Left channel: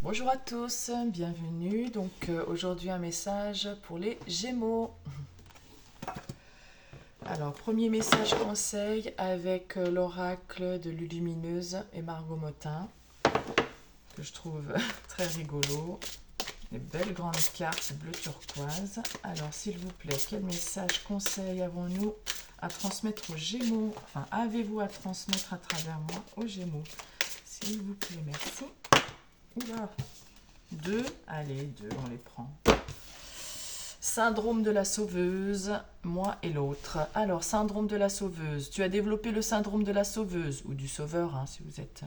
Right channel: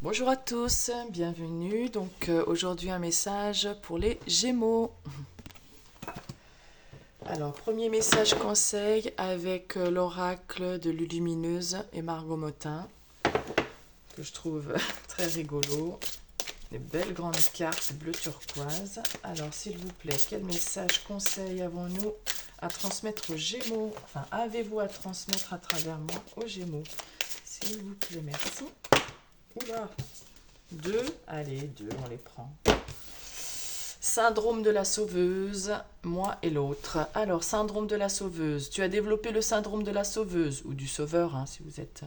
Bonjour à tous, bienvenue. Aujourd'hui un message pour les Gémeaux. Alors premier message conseil avec l'oracle de Lulumineuse et Margot Motin que je trouve très rigolo. Des belles grandes cartes bleu turquoise. Alors s'il vous plaît, quel message conseil avons-nous à transmettre aux Gémeaux? Enfin, avez-vous à transmettre à travers moi aux Gémeaux? S'il vous plaît, merci. Oula, deux, allez, deux, on les prend. Syndrome de la sauveuse, moi et l'autre. Alors, syndrome de la sauveuse. Tu as développé le syndrome de la sauveuse, ou du sauveur, hein, si vous êtes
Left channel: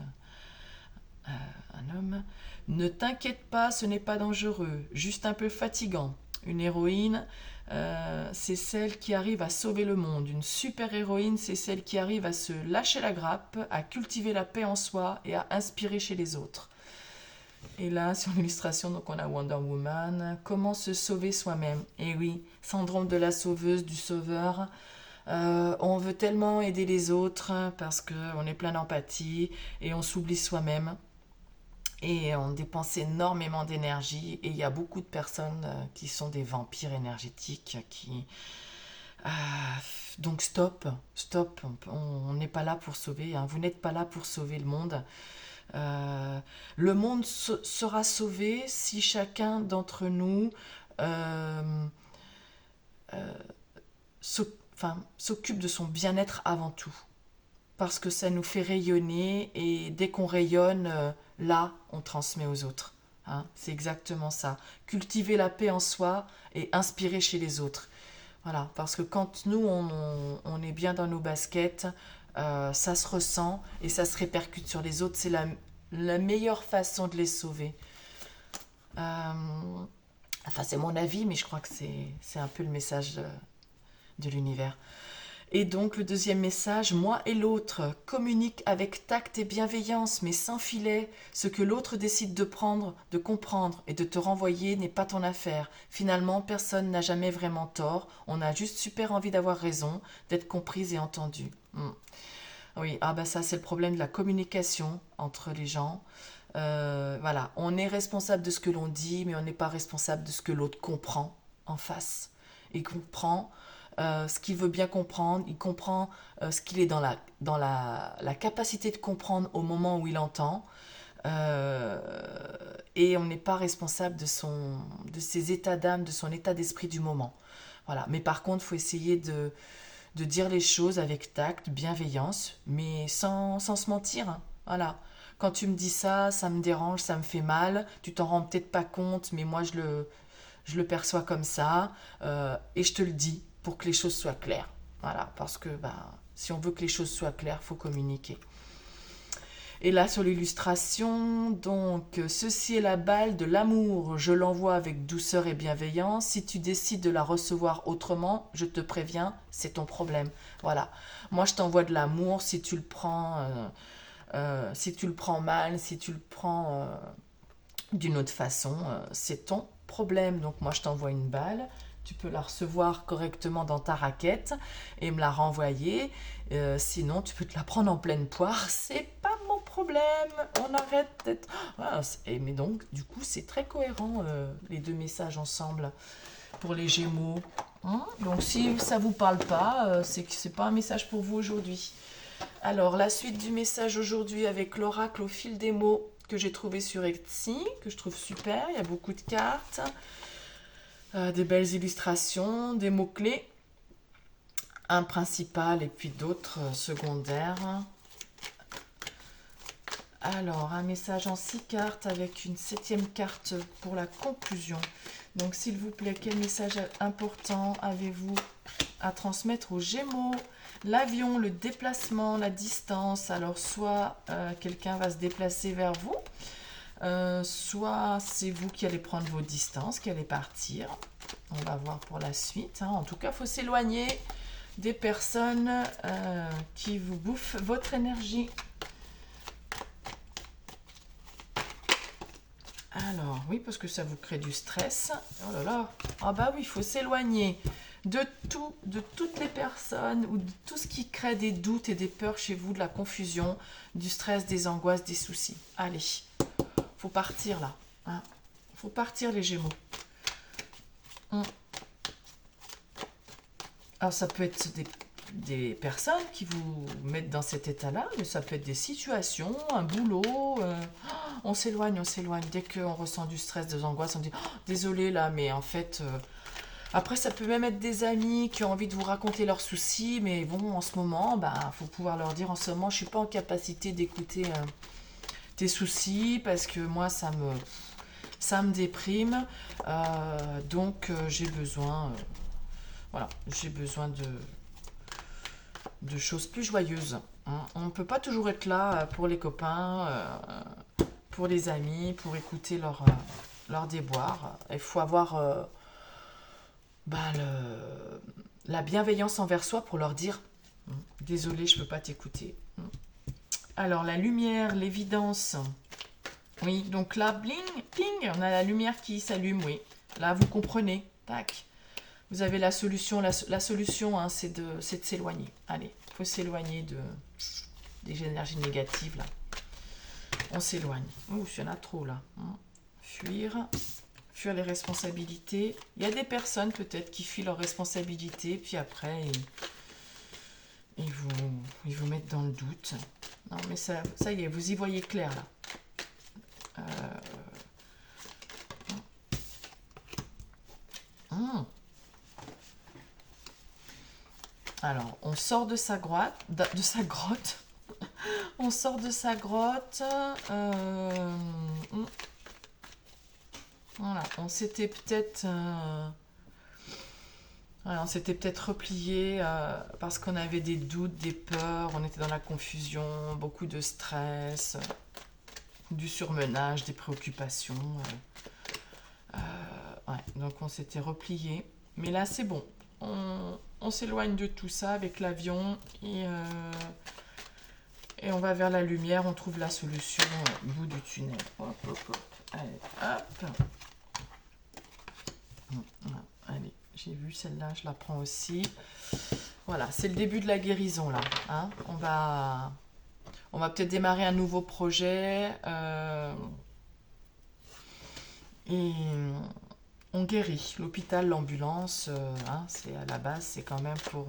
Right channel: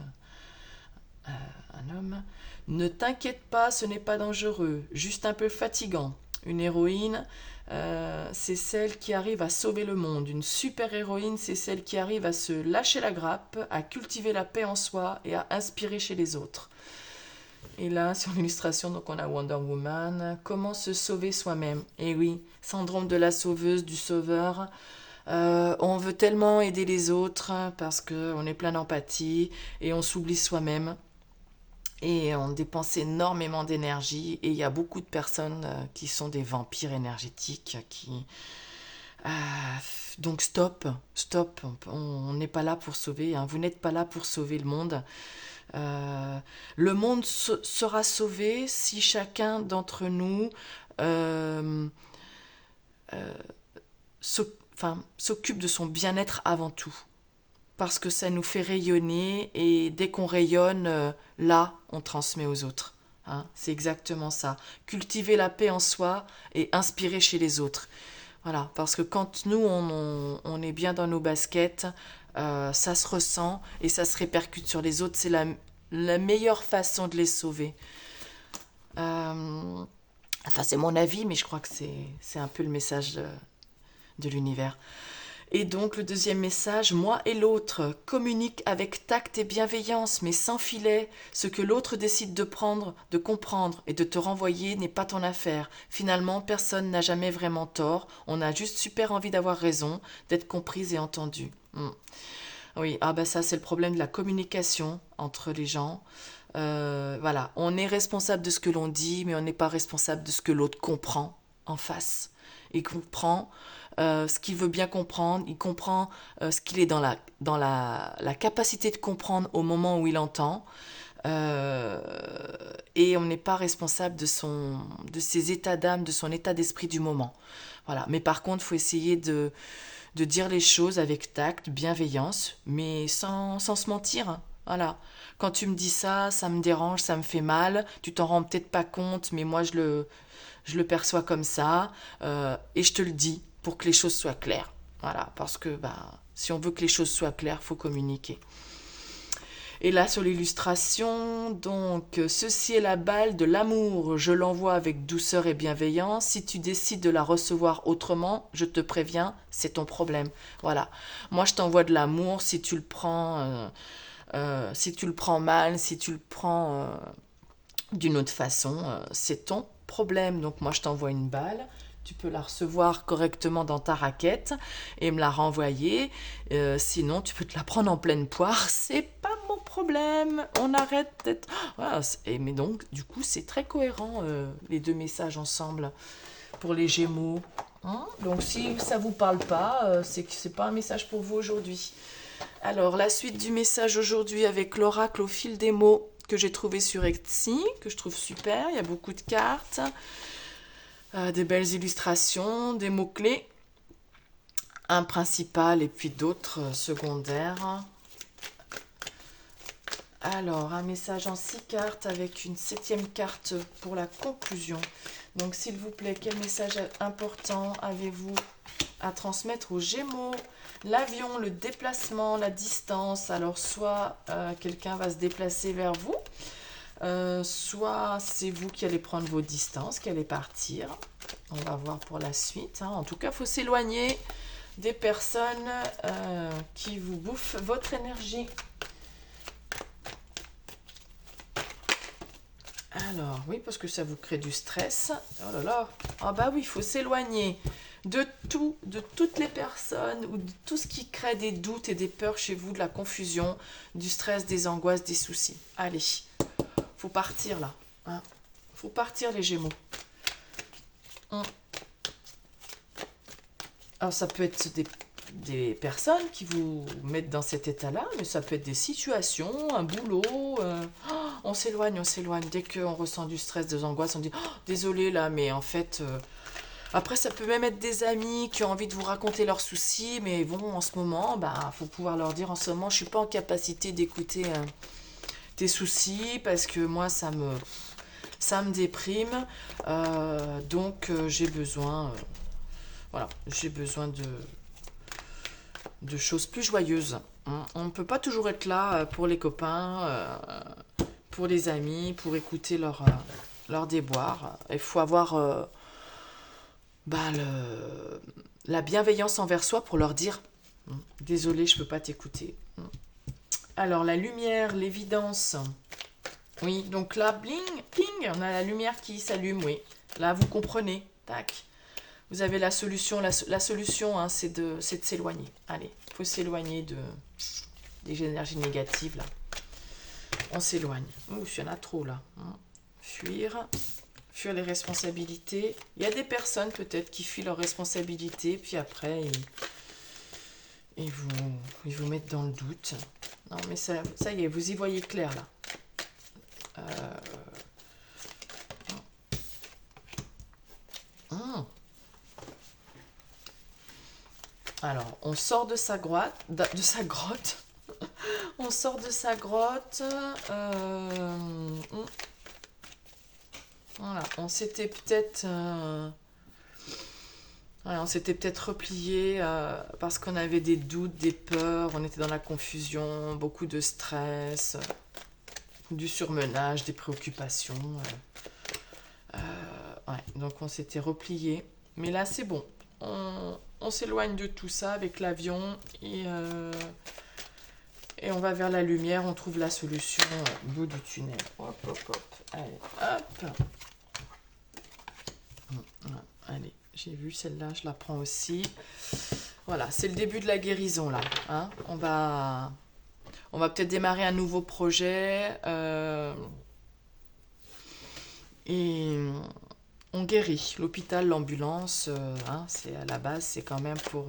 un homme. Ne t'inquiète pas, ce n'est pas dangereux, juste un peu fatigant. Une héroïne, c'est celle qui arrive à sauver le monde. Une super-héroïne, c'est celle qui arrive à se lâcher la grappe, à cultiver la paix en soi et à inspirer chez les autres. Et là, sur l'illustration, donc on a Wonder Woman. Comment se sauver soi-même? Et oui, syndrome de la sauveuse, du sauveur. On veut tellement aider les autres parce qu'on est plein d'empathie et on s'oublie soi-même. Et on dépense énormément d'énergie. Et il y a beaucoup de personnes qui sont des vampires énergétiques qui... euh, donc stop, stop. On n'est pas là pour sauver, hein. Vous n'êtes pas là pour sauver le monde. Euh, le monde sera sauvé si chacun d'entre nous euh, euh, s'occupe de son bien-être avant tout. Parce que ça nous fait rayonner et dès qu'on rayonne, là, on transmet aux autres. Hein, c'est exactement ça. Cultiver la paix en soi et inspirer chez les autres. Voilà, parce que quand nous, on est bien dans nos baskets, ça se ressent et ça se répercute sur les autres. C'est la meilleure façon de les sauver. Euh, enfin, c'est mon avis, mais je crois que c'est un peu le message de l'univers. Et donc, le deuxième message, moi et l'autre, communique avec tact et bienveillance, mais sans filet. Ce que l'autre décide de prendre, de comprendre et de te renvoyer n'est pas ton affaire. Finalement, personne n'a jamais vraiment tort. On a juste super envie d'avoir raison, d'être comprise et entendue. Oui, ah bah ça, c'est le problème de la communication entre les gens. Voilà, on est responsable de ce que l'on dit, mais on n'est pas responsable de ce que l'autre comprend en face. Il comprend ce qu'il veut bien comprendre, il comprend ce qu'il est dans la capacité de comprendre au moment où il entend, euh, et on n'est pas responsable de ses états d'âme, de son état d'esprit du moment. Voilà. Mais par contre, il faut essayer de dire les choses avec tact, bienveillance, mais sans se mentir, hein. Voilà. Quand tu me dis ça, ça me dérange, ça me fait mal, tu t'en rends peut-être pas compte, mais moi je le perçois comme ça, et je te le dis pour que les choses soient claires. Voilà, parce que ben, si on veut que les choses soient claires, il faut communiquer. Et là, sur l'illustration, donc, ceci est la balle de l'amour. Je l'envoie avec douceur et bienveillance. Si tu décides de la recevoir autrement, je te préviens, c'est ton problème. Voilà. Moi, je t'envoie de l'amour. Si tu le prends mal, si tu le prends d'une autre façon, c'est ton problème. Donc, moi, je t'envoie une balle. Tu peux la recevoir correctement dans ta raquette et me la renvoyer. Sinon, tu peux te la prendre en pleine poire. C'est pas mon problème. On arrête d'être. Voilà, mais donc, du coup, c'est très cohérent, les deux messages ensemble pour les Gémeaux. Hein, donc, si ça vous parle pas, c'est que c'est pas un message pour vous aujourd'hui. Alors, la suite du message aujourd'hui avec l'oracle au fil des mots que j'ai trouvé sur Etsy, que je trouve super. Il y a beaucoup de cartes, des belles illustrations, des mots-clés, un principal et puis d'autres secondaires. Alors, un message en 6 cartes avec une septième carte pour la conclusion. Donc, s'il vous plaît, quel message important avez-vous à transmettre aux Gémeaux? L'avion, le déplacement, la distance. Alors, soit quelqu'un va se déplacer vers vous, soit c'est vous qui allez prendre vos distances, qui allez partir. On va voir pour la suite, hein. En tout cas, il faut s'éloigner des personnes qui vous bouffent votre énergie. Alors, oui, parce que ça vous crée du stress. Oh là là. Ah bah oui, il faut s'éloigner de tout, de toutes les personnes ou de tout ce qui crée des doutes et des peurs chez vous, de la confusion, du stress, des angoisses, des soucis. Allez, faut partir là. Hein. Faut partir les Gémeaux. Hum. Alors ça peut être des personnes qui vous mettent dans cet état-là, mais ça peut être des situations, un boulot. On s'éloigne, on s'éloigne. Dès qu'on ressent du stress, des angoisses, on dit oh, désolé là, mais en fait. Après, ça peut même être des amis qui ont envie de vous raconter leurs soucis, mais bon, en ce moment, bah, faut pouvoir leur dire en ce moment, je suis pas en capacité d'écouter tes soucis parce que moi, ça me déprime. Donc, j'ai besoin, voilà, j'ai besoin de choses plus joyeuses. On ne peut pas toujours être là pour les copains, pour les amis, pour écouter leurs déboires. Il faut avoir la bienveillance envers soi pour leur dire désolé, je ne peux pas t'écouter. Alors, la lumière, l'évidence. Oui, donc là, bling, ping, on a la lumière qui s'allume, oui. Là, vous comprenez. Tac. Vous avez la solution. La solution, hein, c'est de s'éloigner. Allez, il faut s'éloigner des énergies négatives, là. On s'éloigne. Ouh, il y en a trop, là. Fuir les responsabilités. Il y a des personnes, peut-être, qui fuient leurs responsabilités, puis après, ils vous mettent dans le doute. Non, mais ça y est, vous y voyez clair, là. Alors, on sort de sa grotte. On sort de sa grotte. Voilà, on s'était peut-être replié parce qu'on avait des doutes, des peurs, on était dans la confusion, beaucoup de stress, du surmenage, des préoccupations. Ouais, donc on s'était replié. Mais là, c'est bon. On s'éloigne de tout ça avec l'avion et on va vers la lumière. On trouve la solution au bout du tunnel. Hop, hop, hop. Allez, hop. Allez, j'ai vu celle-là, je la prends aussi. Voilà, c'est le début de la guérison là. Hein, on va peut-être démarrer un nouveau projet et on guérit. L'hôpital, l'ambulance, c'est à la base, c'est quand même pour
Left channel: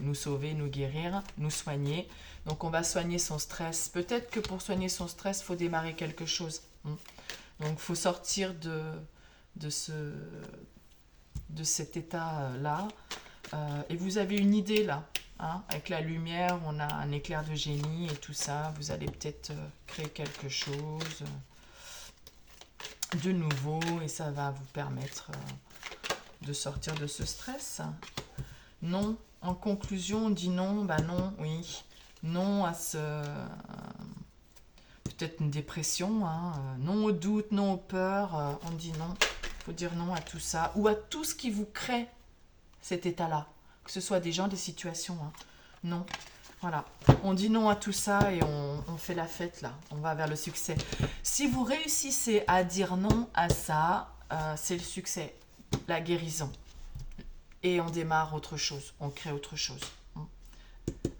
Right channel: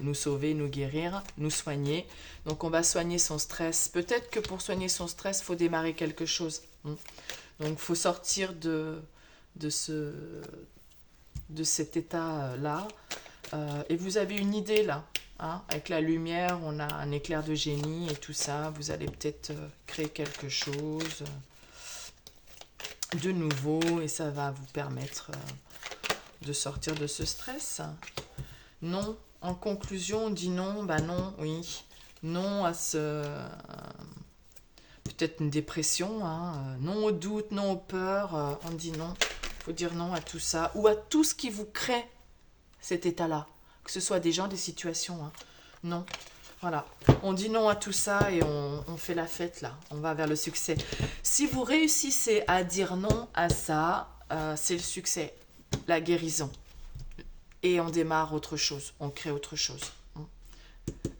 nous sauver, nous guérir, nous soigner. Donc on va soigner son stress. Peut-être que pour soigner son stress, il faut démarrer quelque chose. Donc il faut sortir de cet état-là. Et vous avez une idée là. Hein, avec la lumière, on a un éclair de génie et tout ça. Vous allez peut-être créer quelque chose de nouveau et ça va vous permettre de sortir de ce stress. Non, en conclusion, on dit non, non, oui. Non à peut-être une dépression, hein, non au doute, non aux peurs, on dit non. Il faut dire non à tout ça ou à tout ce qui vous crée cet état-là. Que ce soit des gens, des situations. Hein. Non. Voilà. On dit non à tout ça et on fait la fête là. On va vers le succès. Si vous réussissez à dire non à ça, c'est le succès, la guérison. Et on démarre autre chose. On crée autre chose.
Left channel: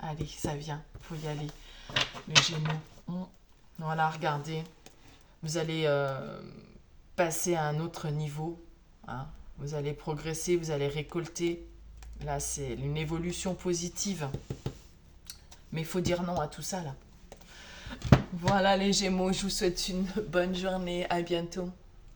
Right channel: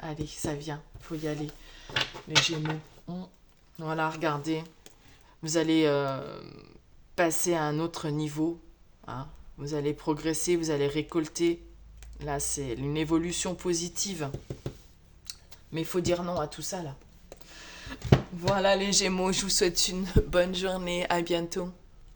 Allez, ça vient. Il faut y aller. Les Gémeaux. Voilà, regardez. Vous allez passer à un autre niveau. Hein. Vous allez progresser, vous allez récolter. Là, c'est une évolution positive. Mais il faut dire non à tout ça, là. Voilà les Gémeaux, je vous souhaite une bonne journée. À bientôt.